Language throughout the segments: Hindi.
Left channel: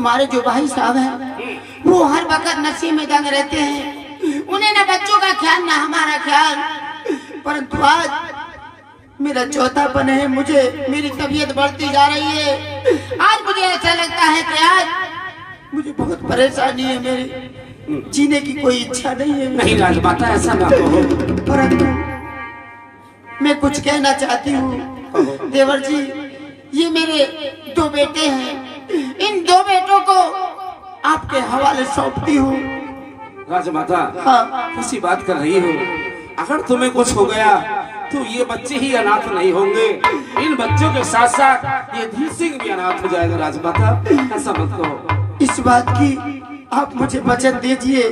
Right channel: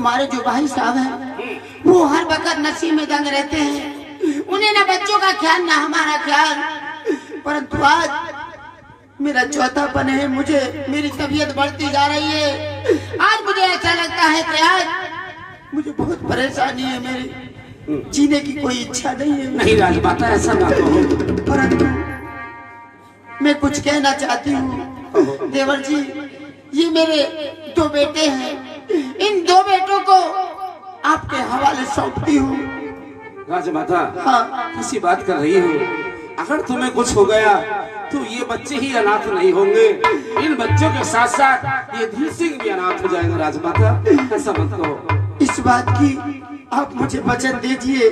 तुम्हारे जो भाई साहब हैं वो हर वक्त नशे में दंग रहते हैं, उन्हें ना बच्चों का ख्याल ना हमारा ख्याल। परंतु आज मेरा चौथापन है, मुझे मेरी तबीयत बढ़ती जा रही है। आज मुझे ऐसा लगता है कि आज मुझे बहुत परेशानी है, मेरी जीने की कोई इच्छा नहीं है। नहीं राजमाता, ऐसा ना कहो। परंतु मैं कुछ कहना चाहती हूँ देवर जी। ये मेरे 2 बेटे हैं, इन 2 बेटों को आपके हवाले सौंपती हूँ। राजमाता, हाँ। किसी बात कर रही हो? अगर तुम्हें कुछ हो गया तो ये बच्चे ही अनाथ नहीं होंगे, इन बच्चों के साथ साथ ये धीर सिंह भी अनाथ हो जाएगा। राजमाता, ऐसा मत कहो। इस बात की आप मुझे वचन दीजिए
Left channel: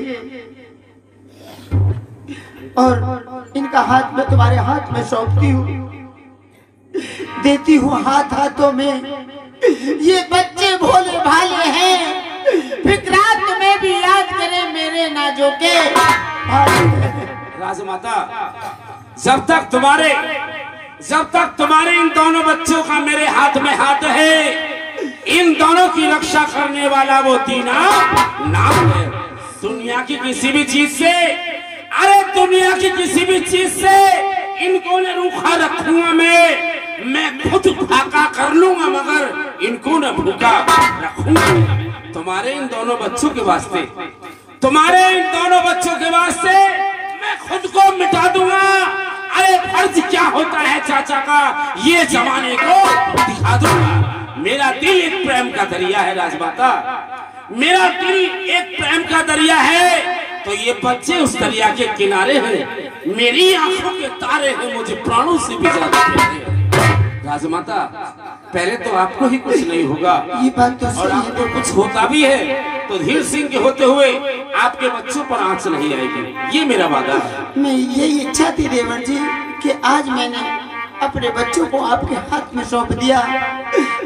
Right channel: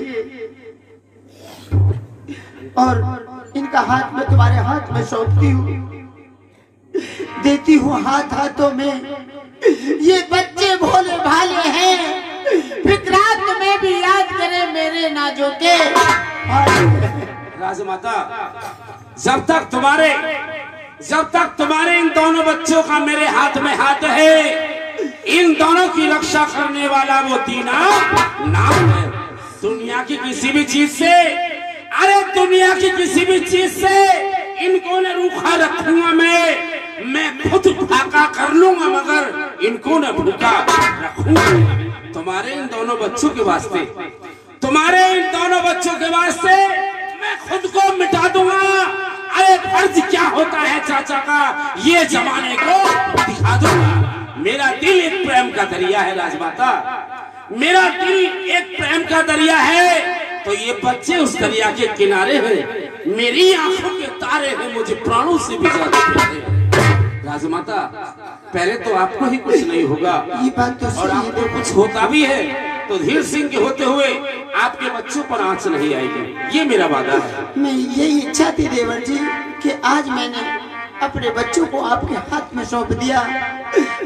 और इनका हाथ में तुम्हारे हाथ में सौंपती हूँ, देती हूँ हाथ हाथों में। ये बच्चे भोले भाले हैं, फिक्रात में भी याद करें मेरे नाजों के। राजमाता, जब तक तुम्हारे इन दोनों बच्चों का मेरे हाथ में हाथ है, इन दोनों की रक्षा करने वाला वो दीना नाम है। दुनिया की किसी भी चीज से, अरे दुनिया की किसी भी चीज से इनको न रूखा रखूंगा मैं खुद फाका कर लूंगा, मगर इनको न भूखा रखूंगा। तुम्हारे इन दोनों बच्चों के वास्ते, तुम्हारे इन दोनों बच्चों के वास्ते मैं खुद को मिटा दूंगा। अरे फर्ज क्या होता है चाचा का, ये जमाने को दिखा दूंगा। मेरा दिल एक प्रेम का दरिया है राजमाता, मेरा दिल एक प्रेम का दरिया है, तो ये बच्चे उस दरिया के किनारे हैं। मेरी आंखों के तारे हैं, मुझे प्राणों से भी ज्यादा प्यारे हैं। राजमाता, पहले तो आपको ही कुछ नहीं होगा, ये बात तो और आपको कुछ होता भी है तो धीर सिंह के होते हुए आपके बच्चों पर आंच नहीं आएगी, ये मेरा वादा है। मैं यही इच्छा थी देवर जी कि आज मैंने अपने बच्चों को आपके हाथ में सौंप दिया,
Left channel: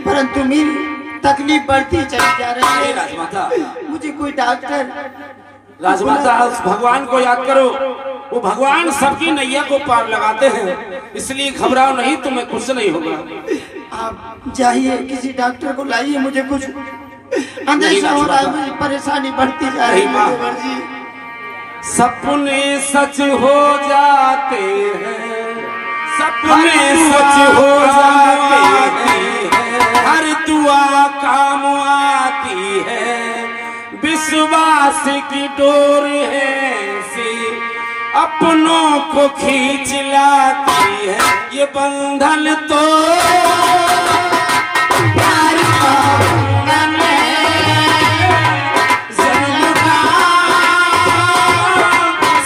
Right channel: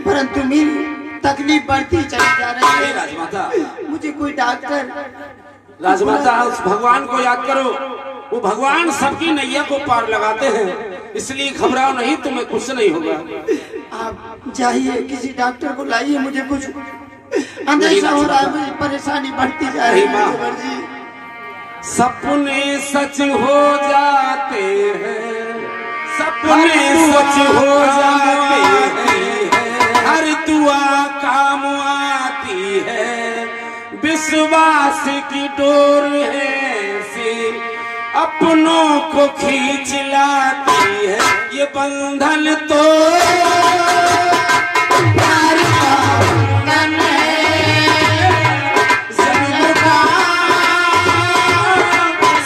परंतु मेरी तकलीफ बढ़ती चली जा रही है। राजमाता, मुझे कोई डॉक्टर। राजमाता, उस भगवान को याद करो, वो भगवान सबकी नैया को पार लगाते हैं, इसलिए घबराओ नहीं, तुम्हें कुछ नहीं होगा। आप जाइए, किसी डॉक्टर को लाइए, मुझे कुछ अंदेशा हो रहा है, मुझे परेशानी बढ़ती जा रही है। सपने सच हो जाते हैं, सपने सच हो जाते हैं, हर दुआ काम आती है, विश्वास की डोर है से अपनों को खींच लाती है, ये बंधन तो प्यार का बंधन है, जन्म का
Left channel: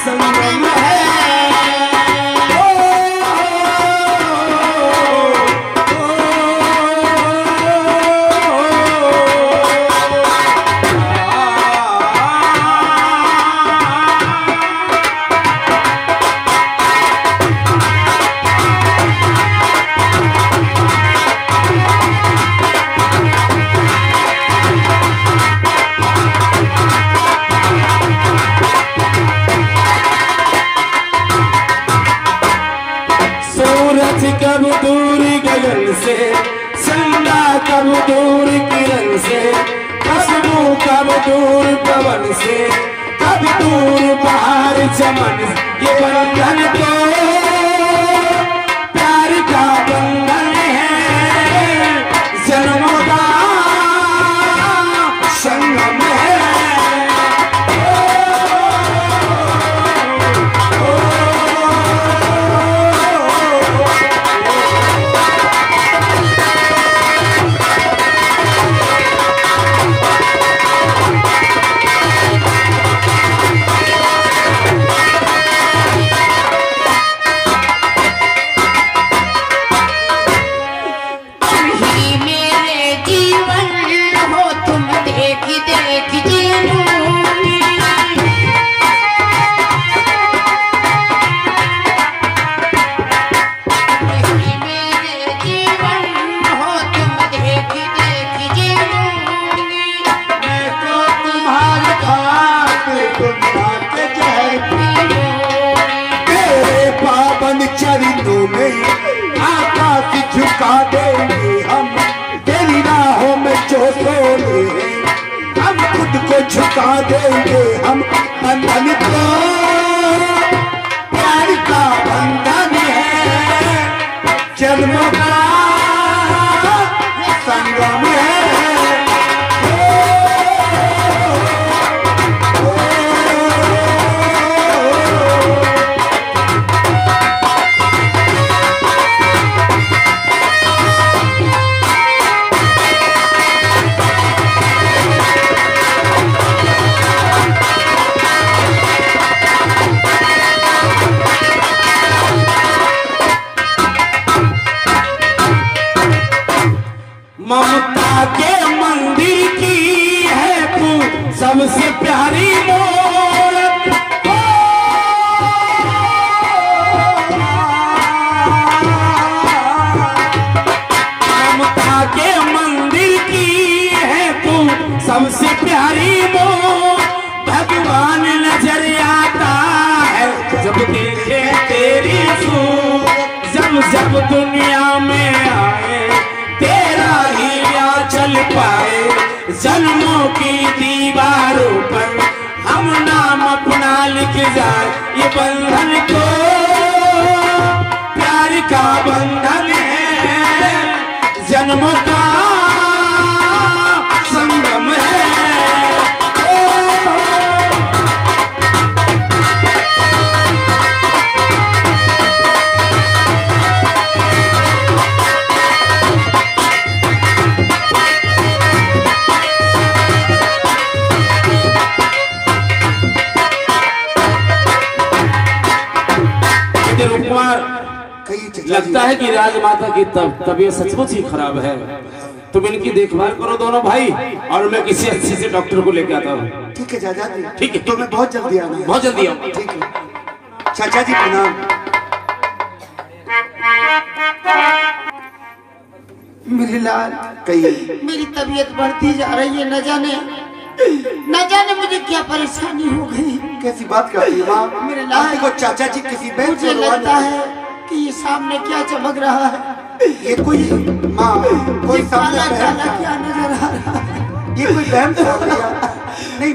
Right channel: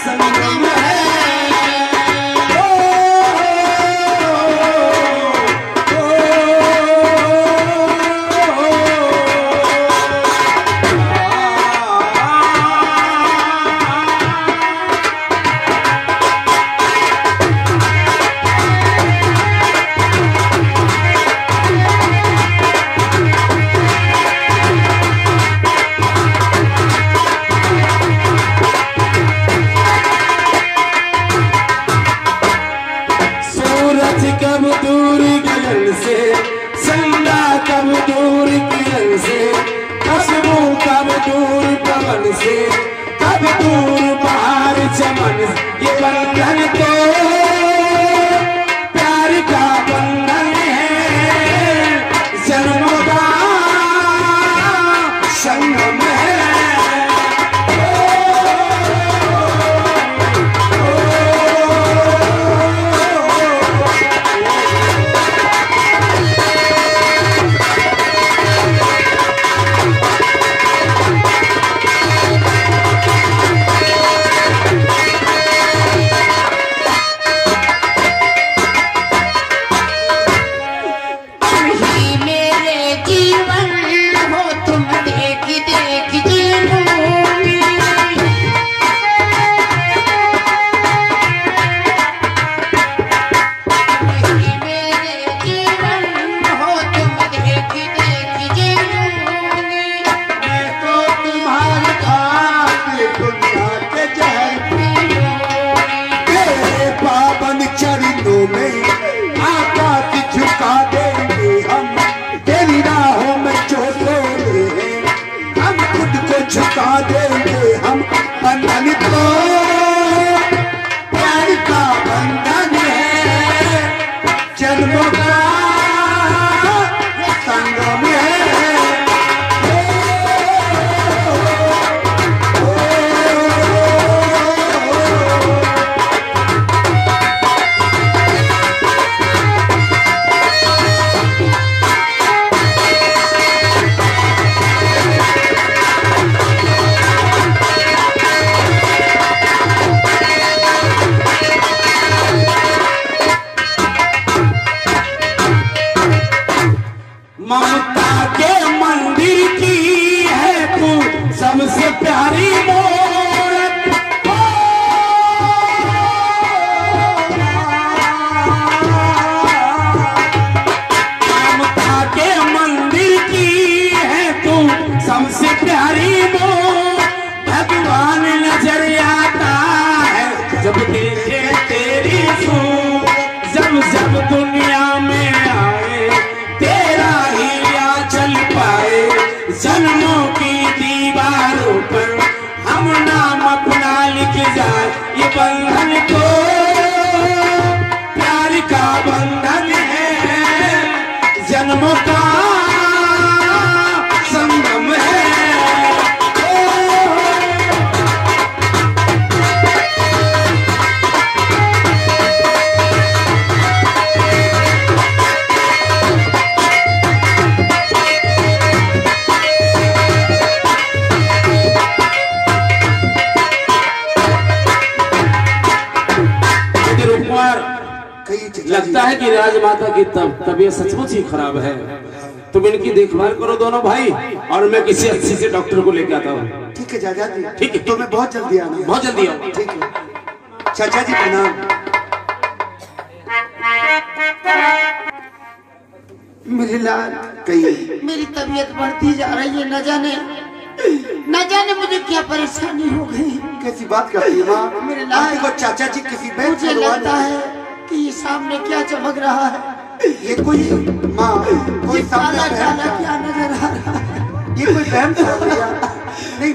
संगम है। कब दूर गगन से, संगा कब दूर किरण से, खुशबू कब दूर पवन से, कब दूर बाहर चमन, ये बंधन तो प्यार का बंधन है, जन्मों का संगम है। चरणों में आकाश झुका देंगे हम, तेरी राहों में जो सोए हैं तो प्यार का बंधन है, जन्मों का संगम है। ममता के मंदिर की है तू सबसे प्यारी मूरत। ममता के मंदिर की है तू सबसे प्यारी मूरत। भगवान नजर आता है जब देखे तेरी सूरत। जब जब दुनिया में आए तेरा ही चल पाए। जन्मों की दीवारों पर हम नाम अपना लिख जाए। ये बंधन तो प्यार का बंधन है, जन्मों का संगम है। लगता है कि राजमाता की तबीयत सचमुच ही खराब है। तुम इनकी देखभाल करो दोनों भाई, और मैं किसी अच्छे से डॉक्टर को लेकर आता हूँ। ठीक है चाचा जी, ठीक है। तो मैं बहुत जल्दी आना। बहुत जल्दी आऊँ। ठीक है चाचा जी, प्रणाम। मेरे लाल, कहिए। मेरी तबीयत बढ़ती जा रही है, न जाने मुझे क्या परेशानी हो गई। कैसी बात करती है माँ? मेरे लाल को चाचा जी किसी बैंक मुझे लगता है कि ये सामने क्या चमक रहा है। ये कोई माँ, कोई सामने काला काला क्या नजर आ रहा है? ये कोई बहन था भैया? नहीं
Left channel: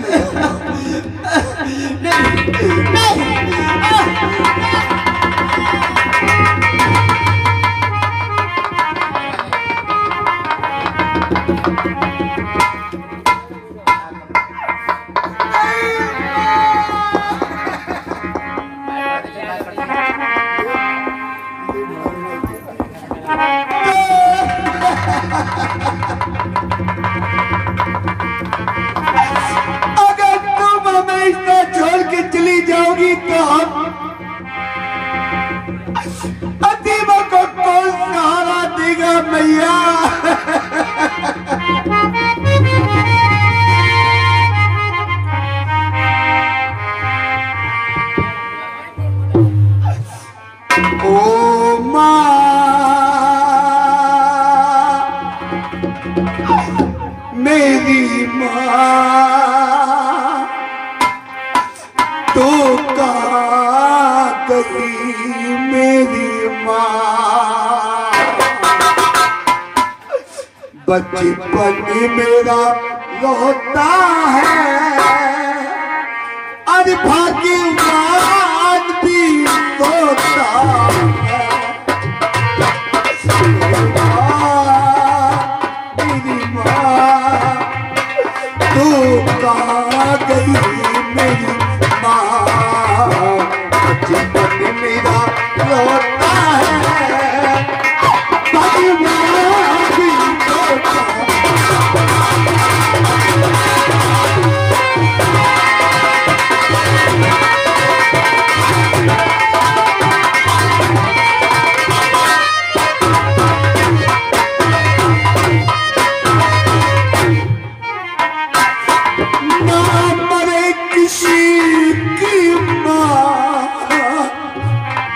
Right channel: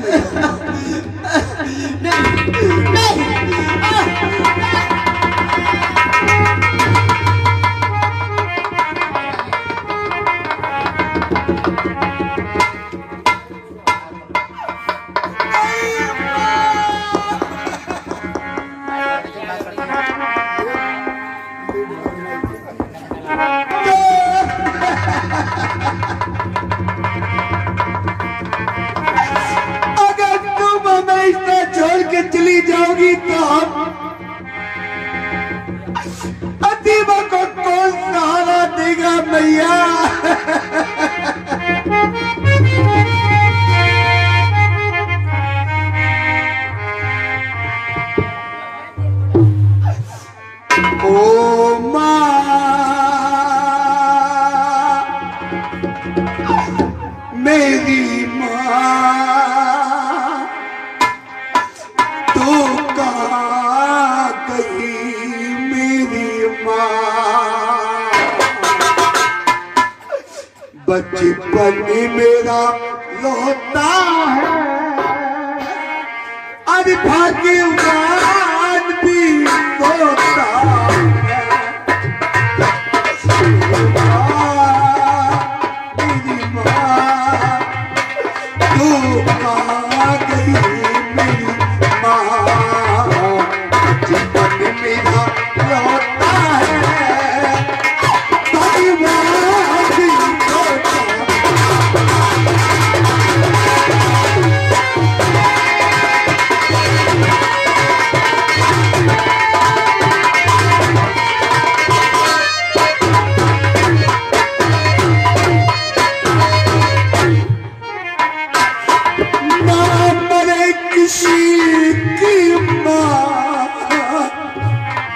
अगर तुम हमें इतना छोड़ के चली जाओगी तो हम अतीबा को कौन सहारा देगा मैया? ओ माँ, मेरी माँ, तो कहाँ गई मेरी माँ? बचपन मेरा रोता है, अरे भाग्यवान भी रोता है। मेरी माँ, तू कहाँ गई मेरी माँ? बचपन मेरा रोता है, भगवान भी रोता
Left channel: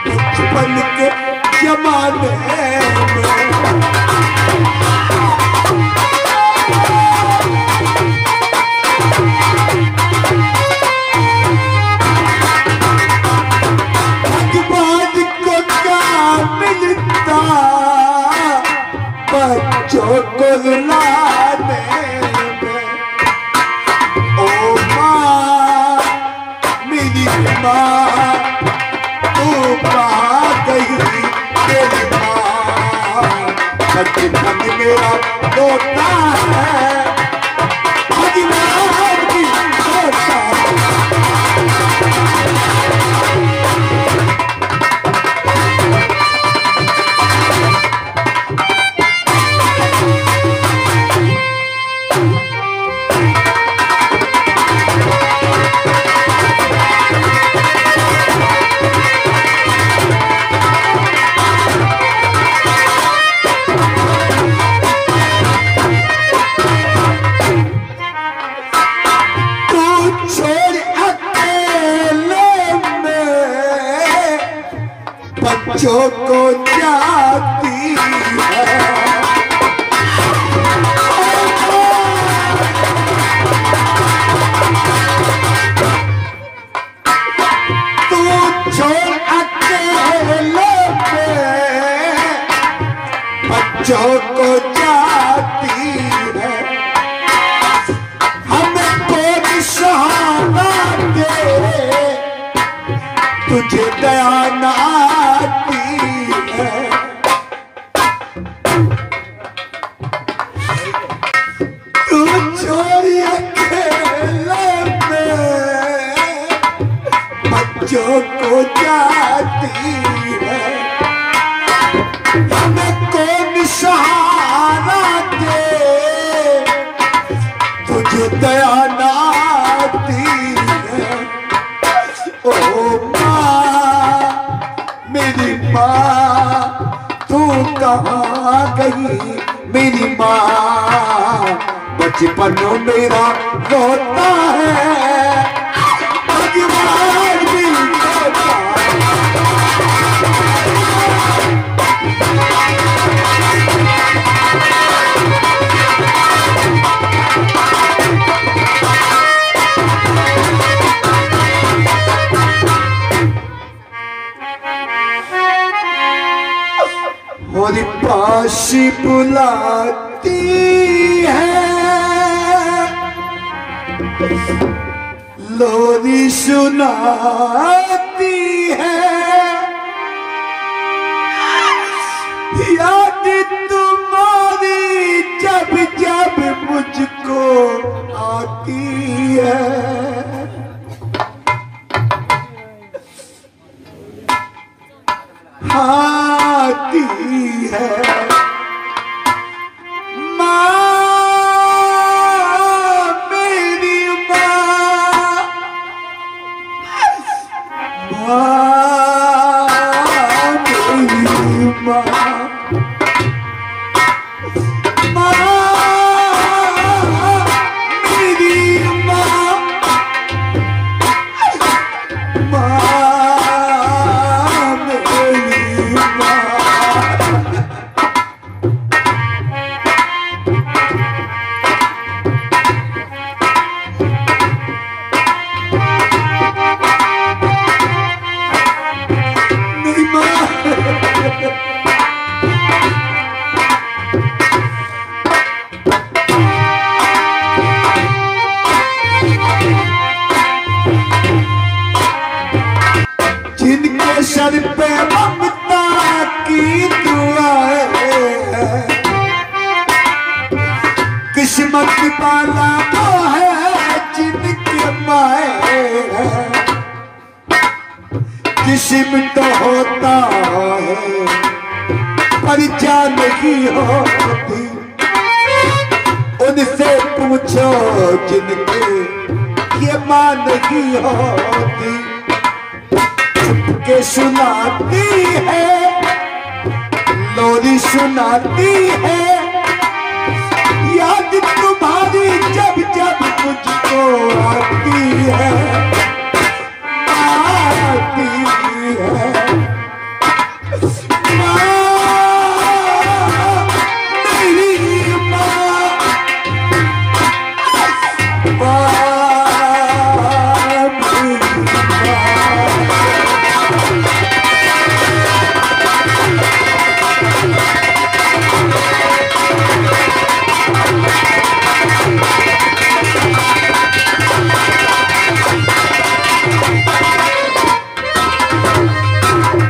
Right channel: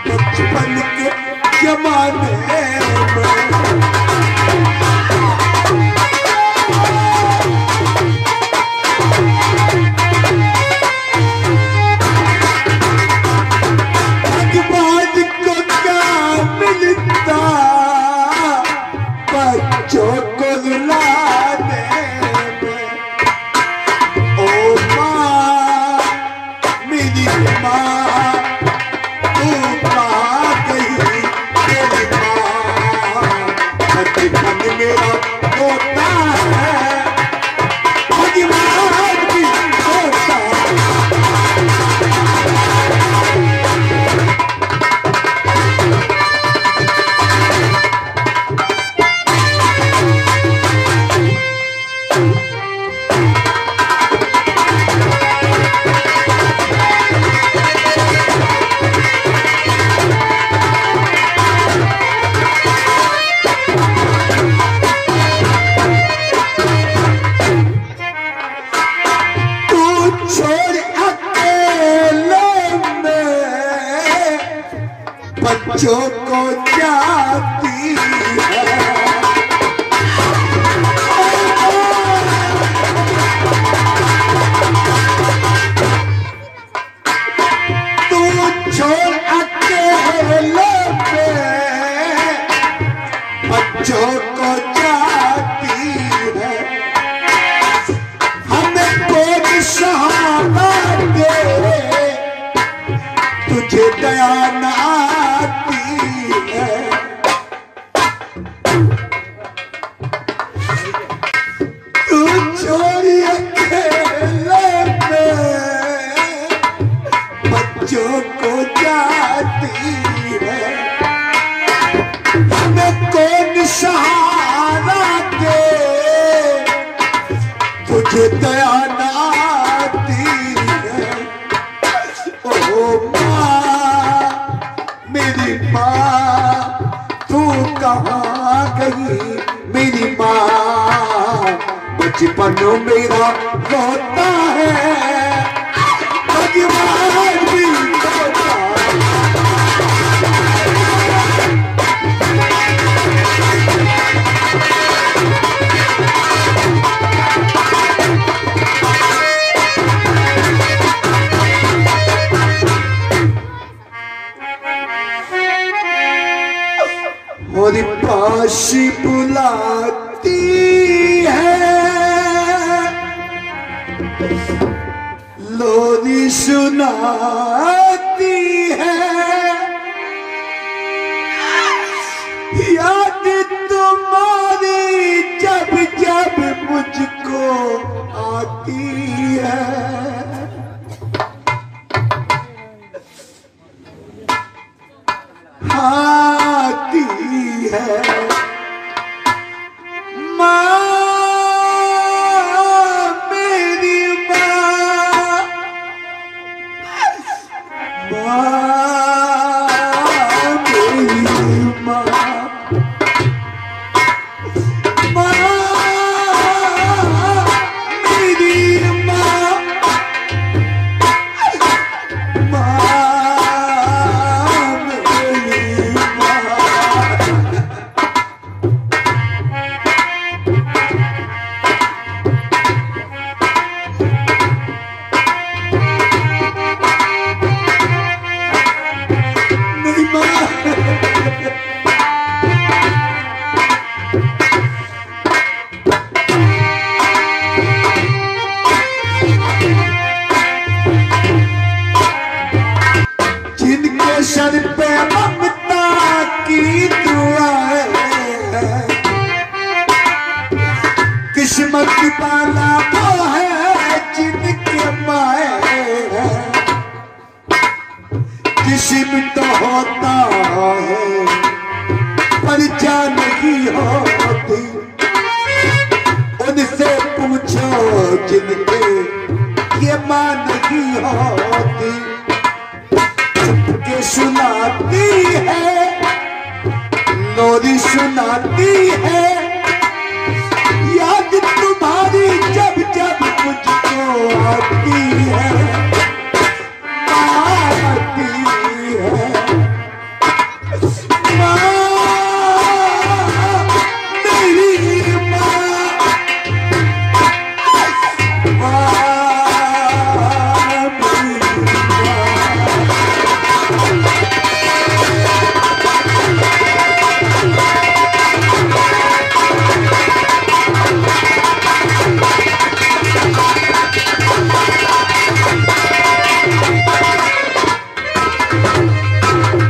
बचपन के जमाने भगवान को क्या मिलता बच्चों को रुलाने में? ओ माँ, मेरी माँ तू कहाँ गई मेरी माँ, बचपन मेरा रोता है भगवान की रोता बच्चों को जाती है, तू छोड़ अकेले पे बच्चों को जाती है, हमें कोई सहारा दे तुझे दया ना बच्चों को जाती है, हमें कौन सहारा दे तुझे दया ना आती है। ओ माँ मेरी माँ तू कहाँ गई मेरी माँ, बचपन मेरा रोता है भगवान भी रोता और पास बुलाती है, लोरी सुनाती है, याद तुम्हारी जब जब मुझको आती है, आती है। जिनके सर पे ममता की दुआएं, किस्मत वाला वो है जिनके माए, किस्म तो होता है पर जान नहीं होती, उनसे पूछो जिनके ये मां नहीं होती, के सुनाती है लोरी सुनाती है, याद तुम्हारी जब जब मुझको आती है, आती